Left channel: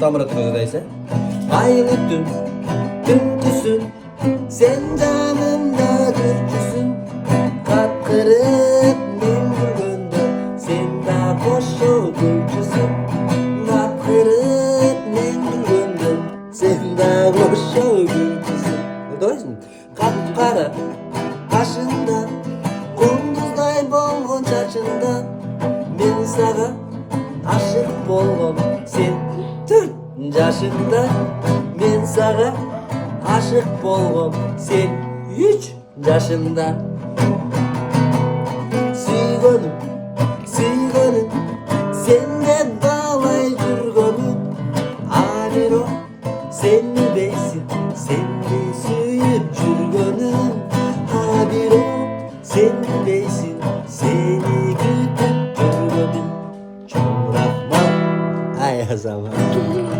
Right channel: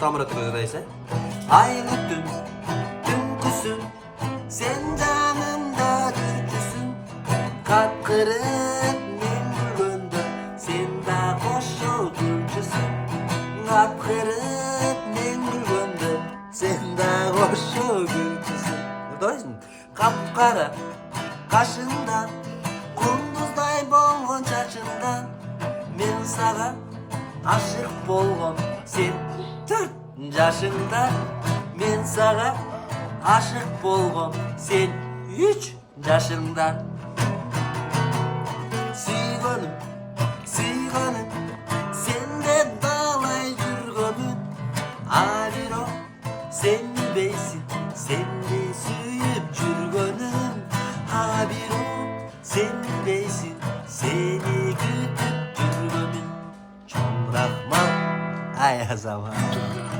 Tamıra Tırıdaysa. Aynı dünküsün, sen canımda türküsün. Kapkırık mengülgöndü, sen de koşu gülcüsün. Kapkırık mengülgöndü, sen de koşu gülcüsün. Buradayısın. Kapkara kaşından, kunduzday bolğun çaçından. Men sağa aşık bolğum, sen 4 yaşında. Men sağa aşık bolğum, sen 3 yaşında. Süygönüm, süygönüm, senden bağlay жүргөнүм. Анiro, sen mi beysin, sen mi sүйüp жүргөнүm. Анiro, sen mi beysin, seni kütüp жүргөнүm. Çok rahman, ay zaman.